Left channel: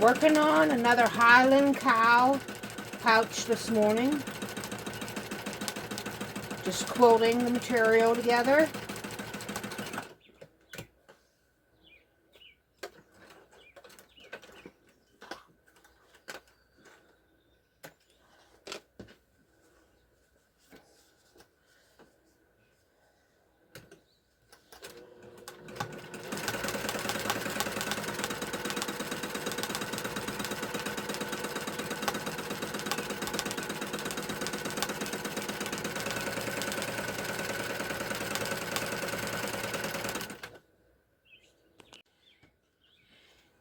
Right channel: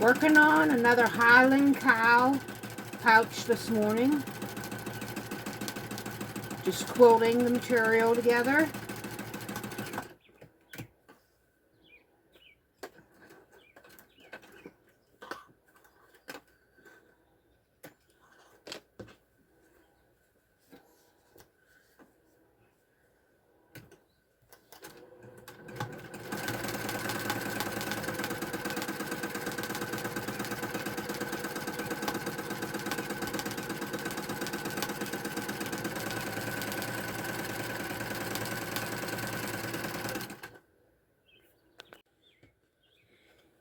Working on another Highland Cow pouch this morning. Just quilting the material together.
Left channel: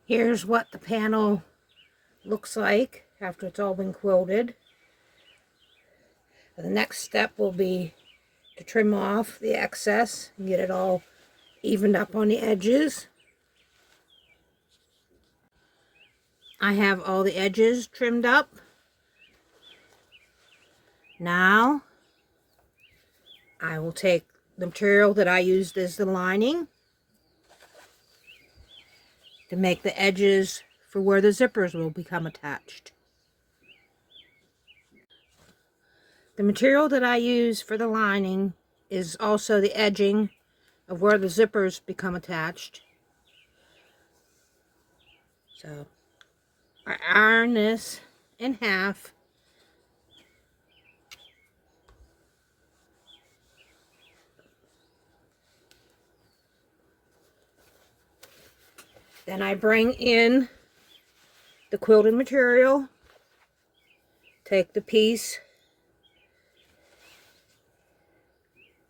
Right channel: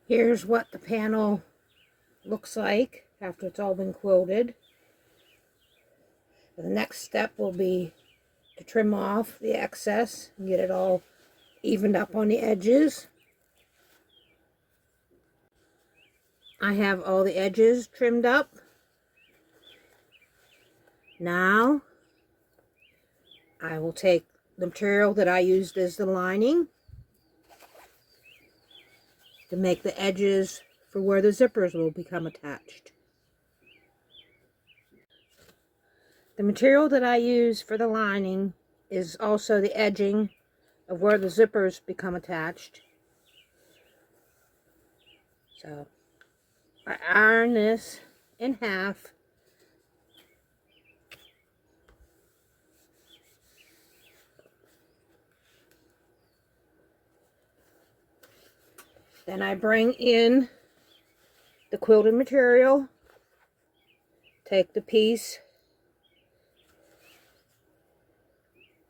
Here's what the panel looks like after it's all been quilted. The next step will be to trim off the excess and get it all evened up on the edges. I have all the edges trimmed up. Now I will take the material that I used as the lining to make the edges for where the zippers will become attached. The material that I use for the lining is also the edging of where the zippers become attached. So I iron this in half. Then I bring in the quilted material, take the piece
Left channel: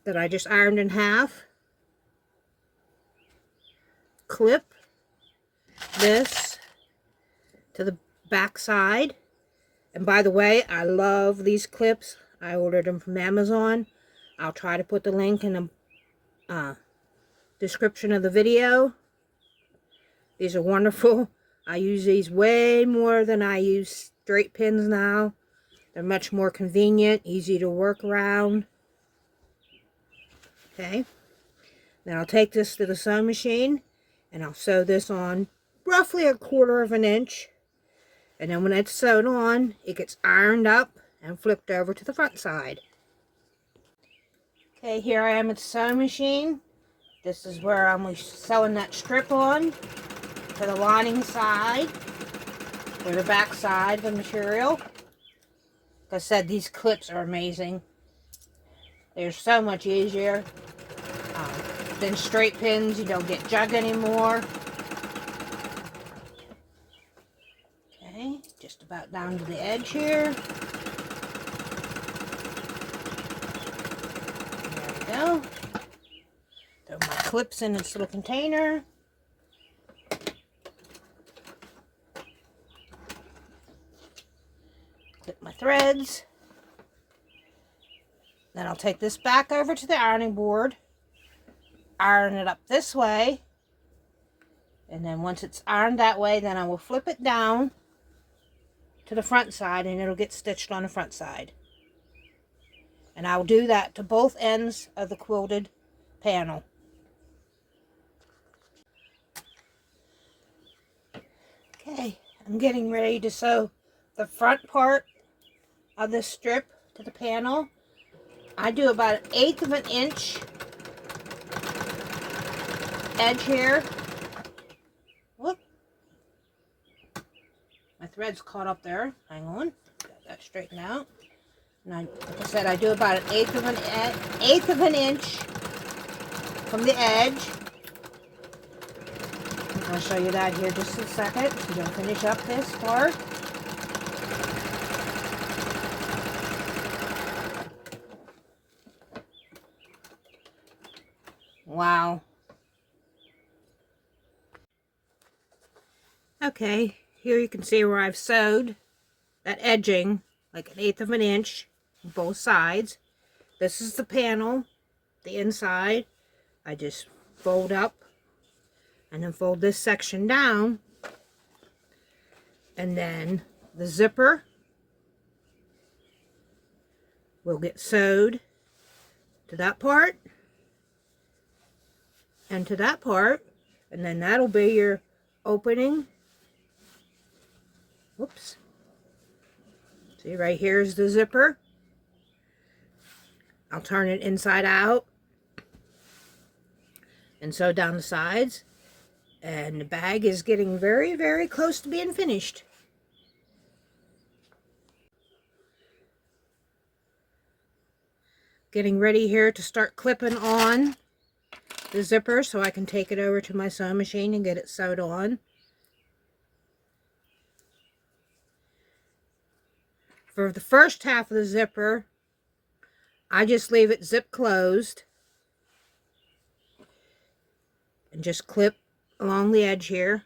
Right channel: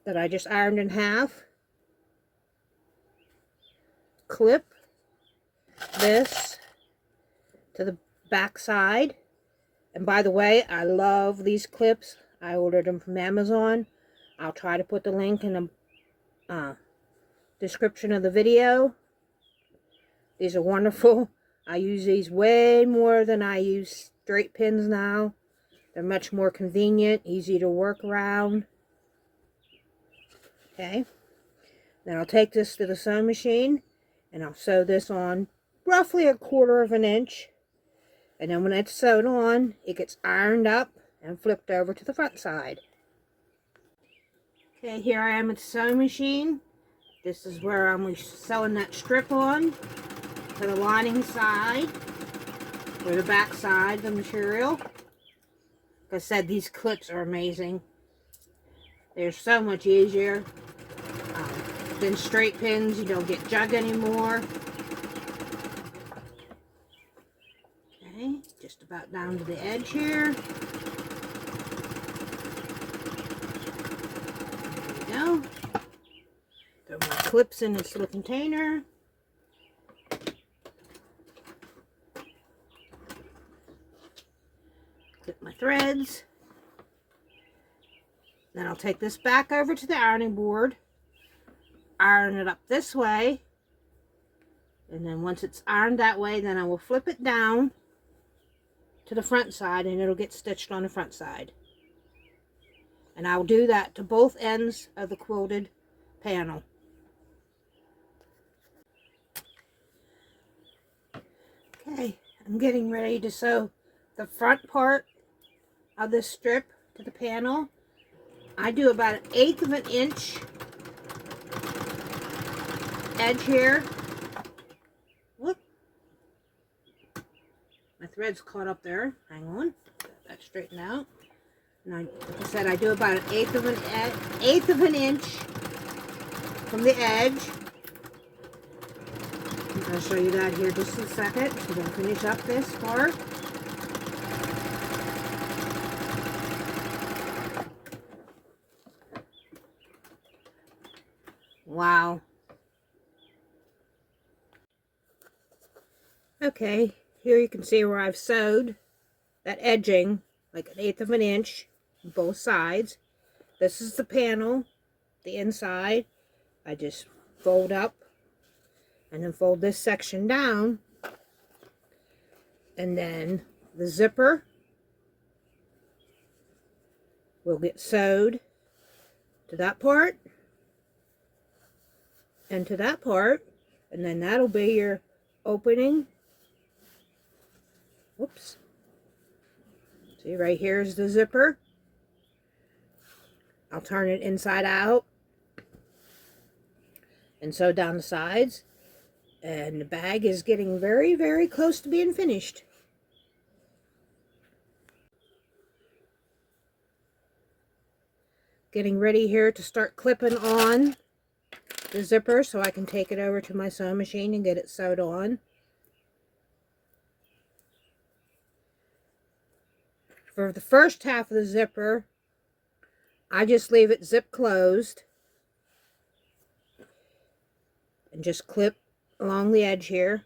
that I just ironed in half, clip this to the back side. And by the way, I love these clips. I ordered them from Amazon. I'll try to put the link in the description of the video. These are wonderful. I use these way more than I use straight pins now. They're much more convenient, easy to work around. Okay. Then I'll take this to the sewing machine and I'll sew this on roughly 1/4 of an inch. And then when it's sewed on, it gets ironed up and flipped over to the front side. Okay, here I am at the sewing machine. This is where I'm sewing that strip on to the lining side, or the back side of the material. Like I said, these clips are amazing. They're so much easier than straight pins. You don't get jug anymore. Okay, just about down to the edge here. There we go. Throw my clips in this little container. Clip my threads. Then I'll take this back over to the ironing board, iron it up this way, and then once it's ironed that way, then I will flip it down to the front side and it'll get stitched on the front side. And I'll do that to both ends of the quilted panel. Okay, I'm getting ready to sew the front part of this strip to the panel. I do about 1/8 of an inch edge here. Whoop. My thread's caught up there. Hang on. Get that straightened out. And like I said, I do about 1/8 of an inch from the edge. I'll show you that here just in a second. So we're going to finish up this part. Wow. Okay, here you can see where I've sewed that edging like 1/8 of an inch on both sides. This is the panel, the inside. I just fold up and then fold this section down, and then the zipper will get sewed to that part and to that part, and then that'll be your opening Whoops. See, right here is the zipper. I'll turn it inside out and sew down the sides. And the bag is getting very, very close to being finished. Getting ready here to start clipping on the zipper so I can take it over to my sewing machine and get it sewed on. For the first half of the zipper, I just leave it zip closed and just clip along the edge here.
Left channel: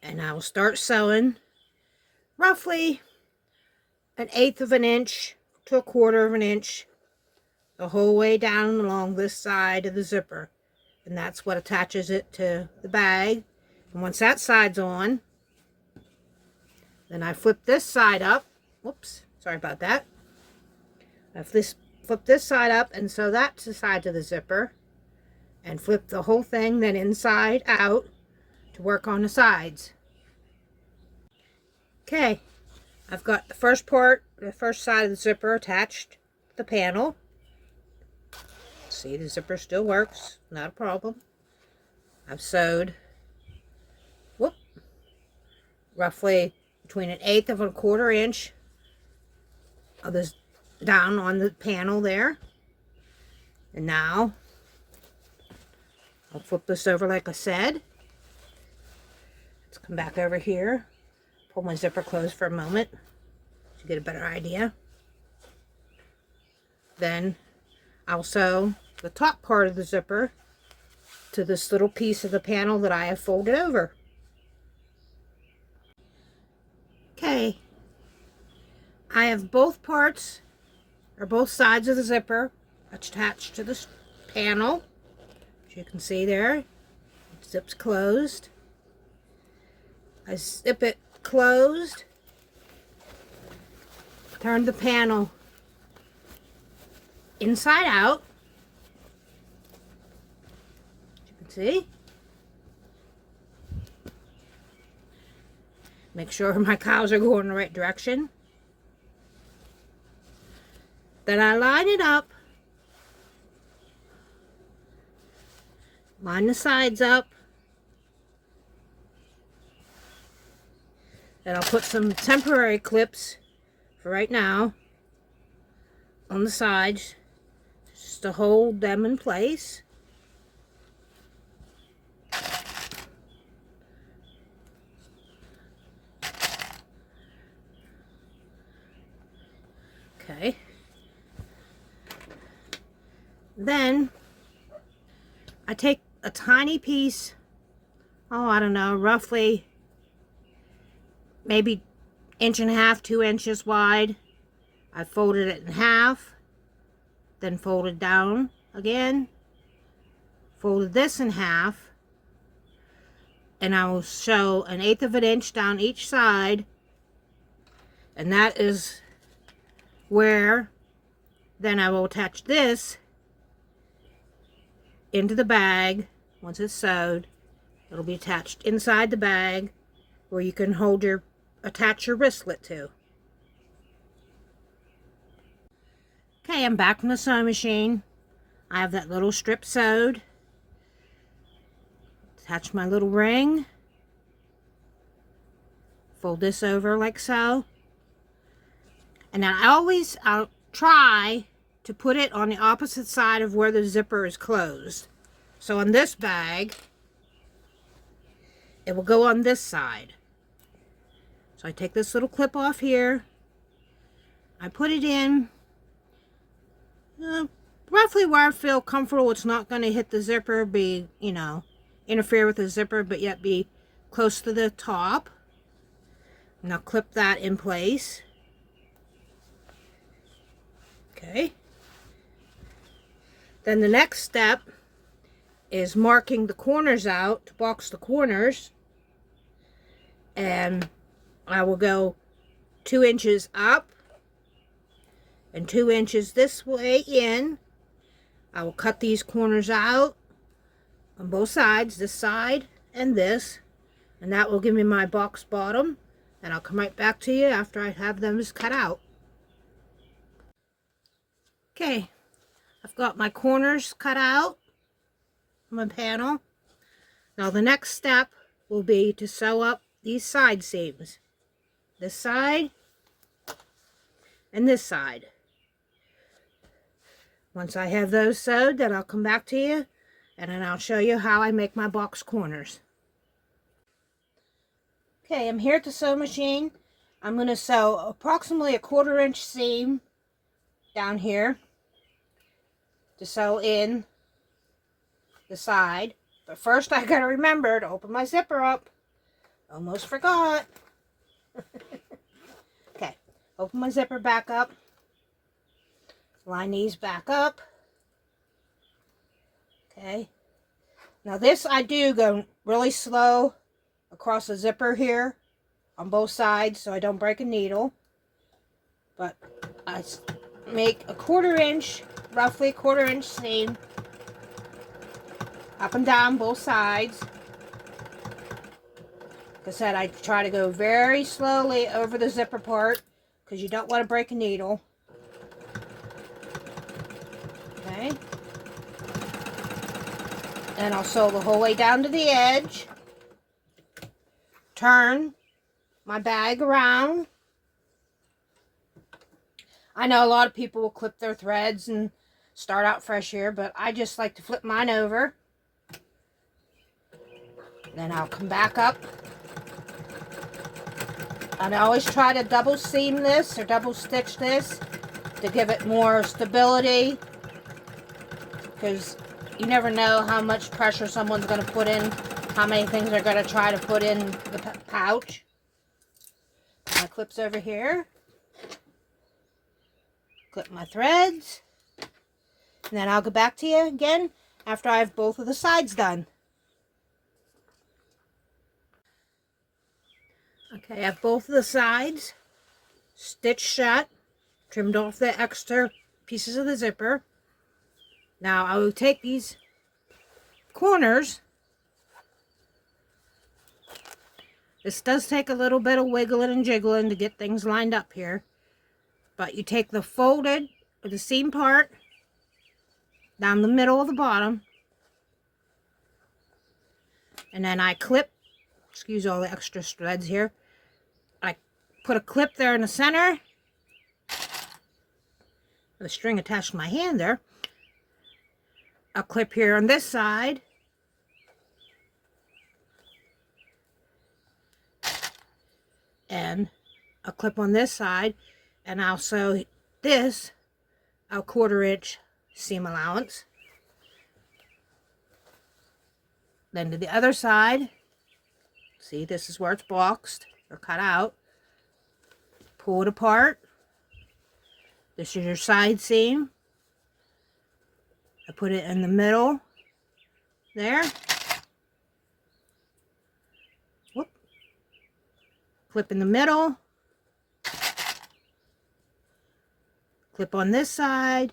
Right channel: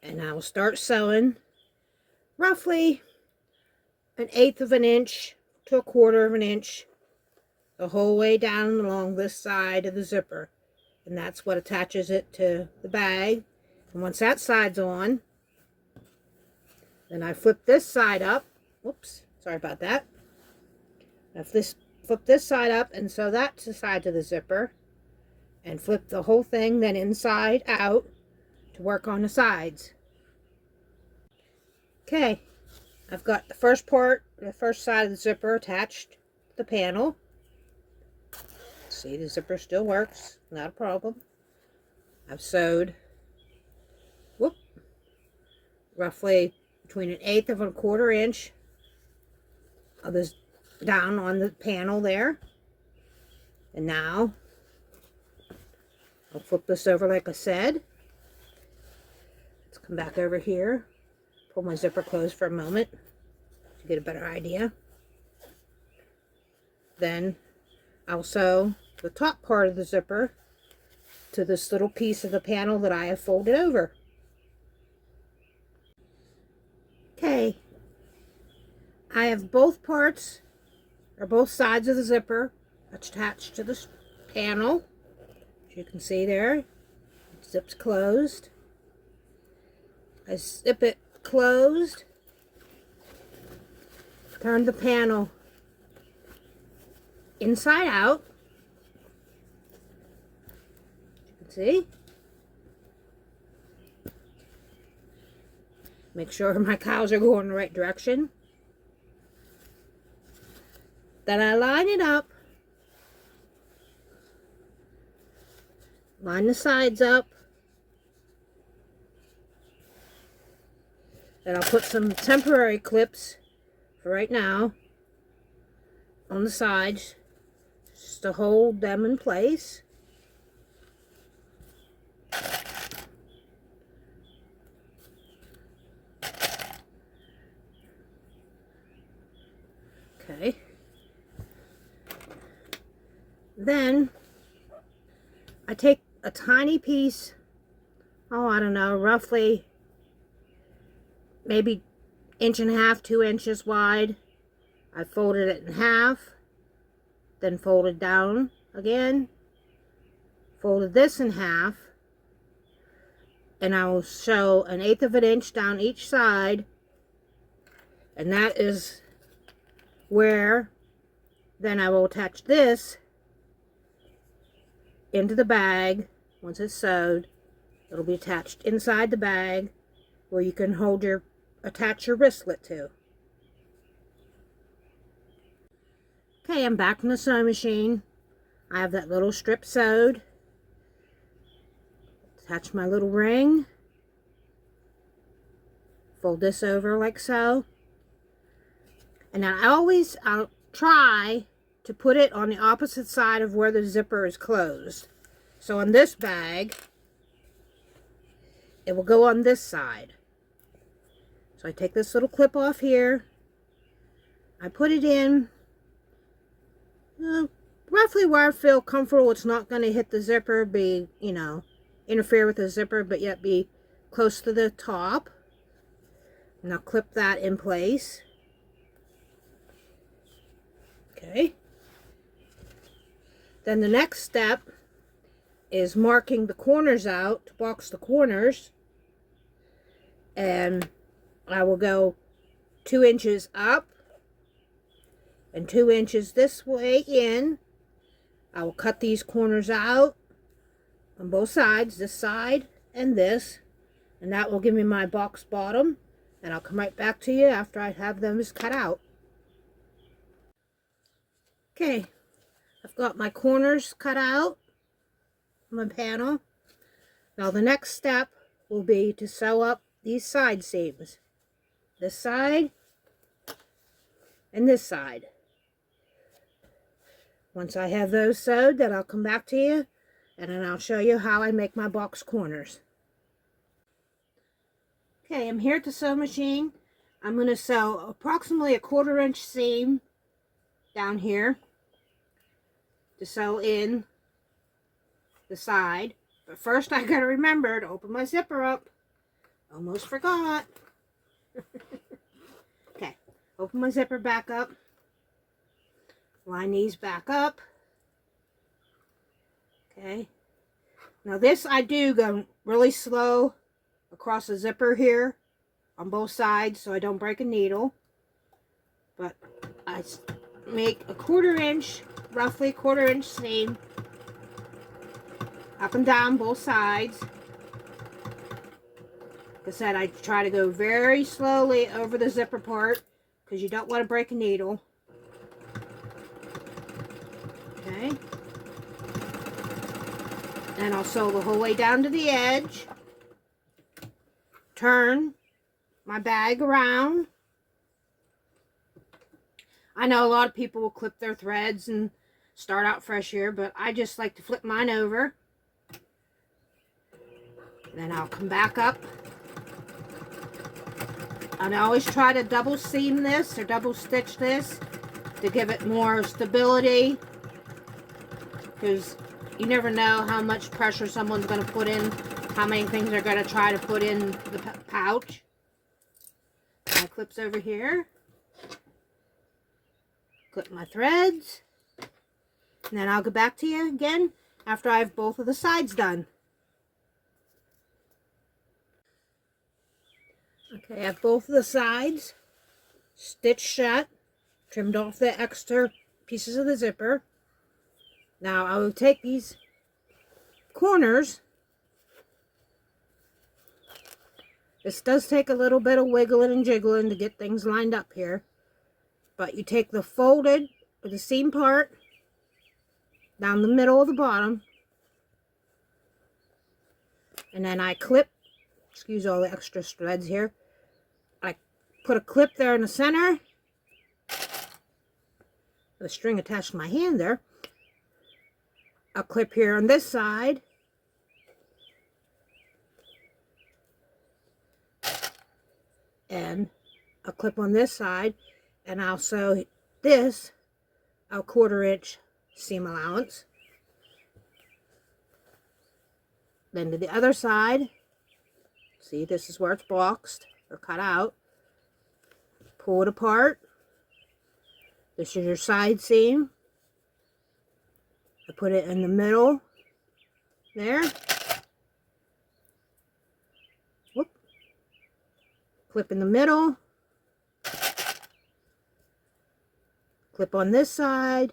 And I will start sewing roughly 1/8 of an inch to 1/4 of an inch the whole way down along this side of the zipper. And that's what attaches it to the bag. And once that side's on, then I flip this side up. Whoops, sorry about that. I flip this side up and sew that to the side of the zipper. And flip the whole thing then inside out to work on the sides. Okay, I've got the first part, the first side of the zipper attached to the panel. See, the zipper still works, not a problem. I've sewed, roughly between 1/8 of a 1/4 inch of this down on the panel there. And now I'll flip this over like I said. Let's come back over here, pull my zipper closed for a moment to get a better idea. Then I'll sew the top part of the zipper to this little piece of the panel that I have folded over. Okay, I have both parts, or both sides of the zipper attached to this panel. As you can see there, it zips closed. I zip it closed, turn the panel inside out. As you can see. Make sure my cows are going the right direction. Then I line it up. Line the sides up. Then I'll put some temporary clips for right now on the sides just to hold them in place. Okay. Then I take a tiny piece, oh, I don't know, roughly maybe 1.5 to 2 inches wide. I folded it in half, then folded down again, folded this in half, and I will sew 1/8 of an inch down each side, and that is where then I will attach this into the bag. Once it's sewed, it'll be attached inside the bag where you can attach your wristlet to. Okay, I'm back in the sewing machine. I have that little strip sewed. Attach my little ring. Fold this over like so. And then I'll try to put it on the opposite side of where the zipper is closed. So on this bag, it will go on this side. So I take this little clip off here. I put it in roughly where I feel comfortable. It's not going to hit the zipper, interfere with the zipper, but yet be close to the top. And I'll clip that in place. Okay. Then the next step is marking the corners out to box the corners. And I will go 2 inches up and 2 inches this way in. I will cut these corners out on both sides, this side and this, and that will give me my box bottom, and I'll come right back to you after I have them cut out. Okay, I've got my corners cut out on my panel. Now the next step will be to sew up these side seams, this side and this side. Once I have those sewed, then I'll come back to you and then I'll show you how I make my box corners. Okay, I'm here at the sewing machine. I'm going to sew approximately a 1/4 inch seam down here to sew in the side. But first I got to remember to open my zipper up. Almost forgot. Okay, open my zipper back up. Line these back up. Okay. Now this I do go really slow across the zipper here on both sides so I don't break a needle. But I make a 1/4 inch, roughly a 1/4 inch seam up and down both sides. Like I said, I try to go very slowly over the zipper part because you don't want to break a needle. Okay. And I'll sew the whole way down to the edge. Turn my bag around. I know a lot of people will clip their threads and start out fresh here, but I just like to flip mine over. Then I'll come back up. And I always try to double seam this or double stitch this to give it more stability, because you never know how much pressure someone's going to put in, how many things they're going to try to put in the pouch. My clips over here. Clip my threads. And then I'll go back to you again after I have both of the sides done. Okay, I have both of the sides stitched shut, trimmed off the extra pieces of the zipper. Now I will take these corners. This does take a little bit of wiggling and jiggling to get things lined up here. But you take the folded, or the seam part, down the middle of the bottom. And then I clip, excuse all the extra threads here. I put a clip there in the center. The string attached to my hand there. A clip here on this side. And a clip on this side. And I'll sew this a 1/4 inch seam allowance. Then to the other side, see, this is where it's boxed or cut out. Pull it apart. This is your side seam. I put it in the middle there. Whoop. Clip in the middle. Clip on this side.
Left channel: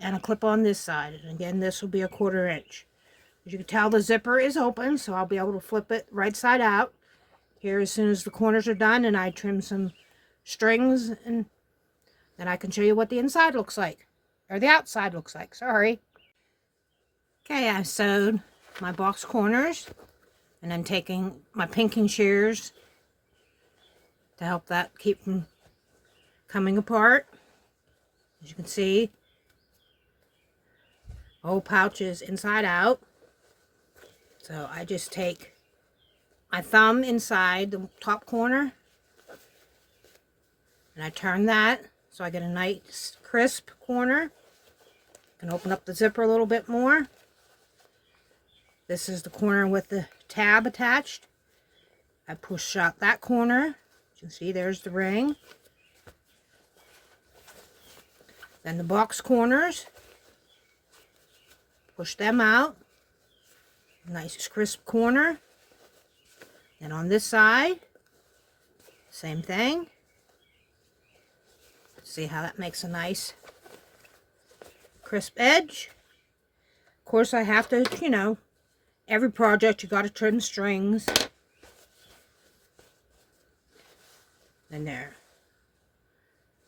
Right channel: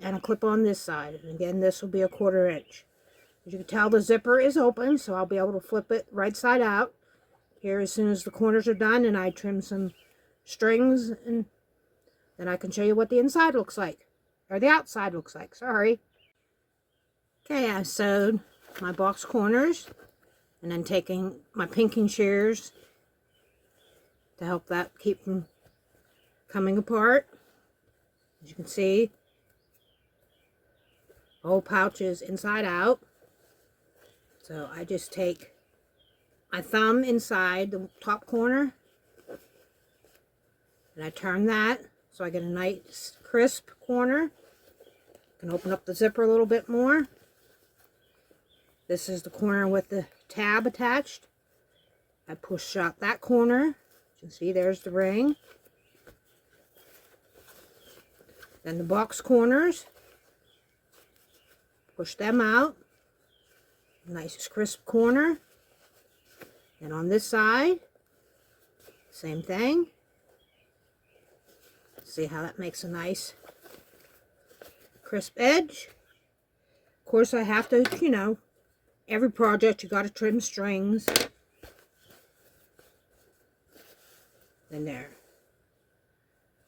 And a clip on this side. And again, this will be a 1/4 inch. As you can tell, the zipper is open, so I'll be able to flip it right side out here as soon as the corners are done, and I trim some strings, and then I can show you what the inside looks like, or the outside looks like, sorry. Okay, I've sewed my box corners, and then taking my pinking shears to help that keep them coming apart. As you can see, the whole pouch is inside out. So I just take my thumb inside the top corner and I turn that so I get a nice crisp corner. I can open up the zipper a little bit more. This is the corner with the tab attached. I push out that corner. You can see there's the ring. Then the box corners. Push them out. Nice crisp corner. Then on this side, same thing. See how that makes a nice crisp edge. Of course, I have to, you know, every project you got to trim strings. And there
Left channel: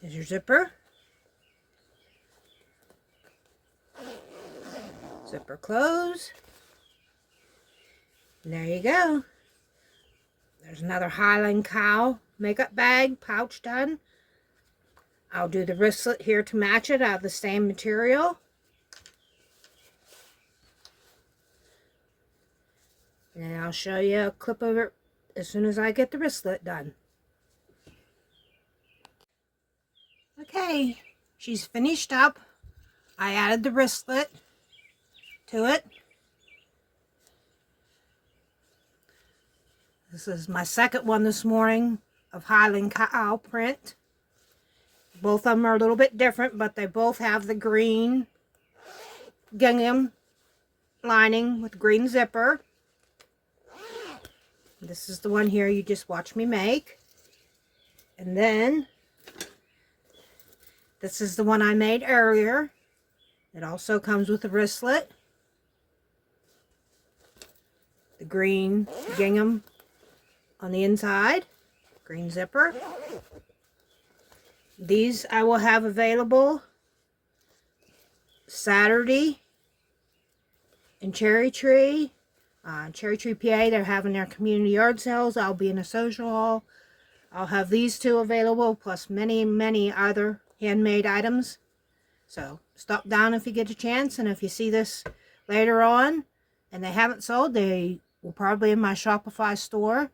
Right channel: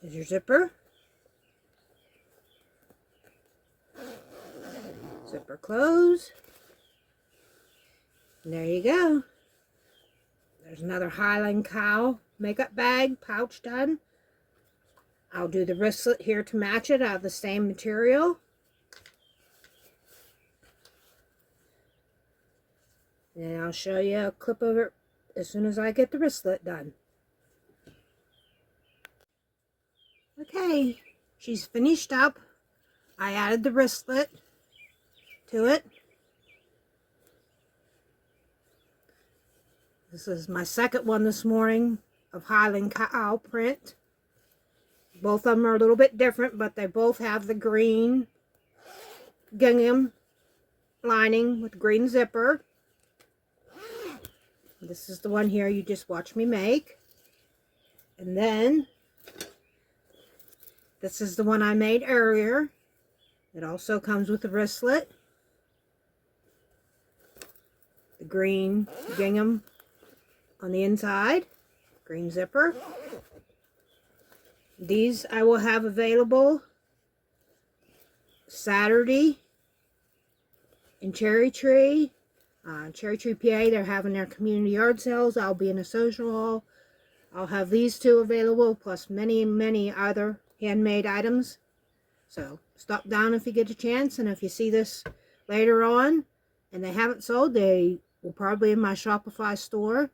is your zipper. Zipper close. And there you go. There's another Highland Cow makeup bag pouch done. I'll do the wristlet here to match it out of the same material. And I'll show you a clip of it as soon as I get the wristlet done. Okay, she's finished up. I added the wristlet to it. This is my second one this morning of Highland Cow print. Both of them are a little bit different, but they both have the green gingham lining with green zipper. This is the one here you just watched me make. And then this is the one I made earlier. It also comes with a wristlet. The green gingham on the inside. Green zipper. These I will have available Saturday in Cherry Tree. Cherry Tree, PA, they're having their community yard sales. I'll be in a social hall. I'll have these two available, plus many, many other handmade items. So stop down if you get a chance, and if you see this later on and they haven't sold, they will probably in my Shopify store.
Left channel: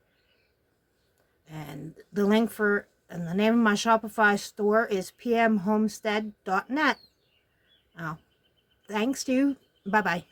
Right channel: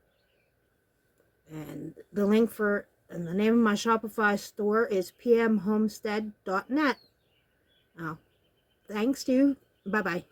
And the link for and the name of my Shopify store is pmhomestead.net. Thanks to you. Bye-bye.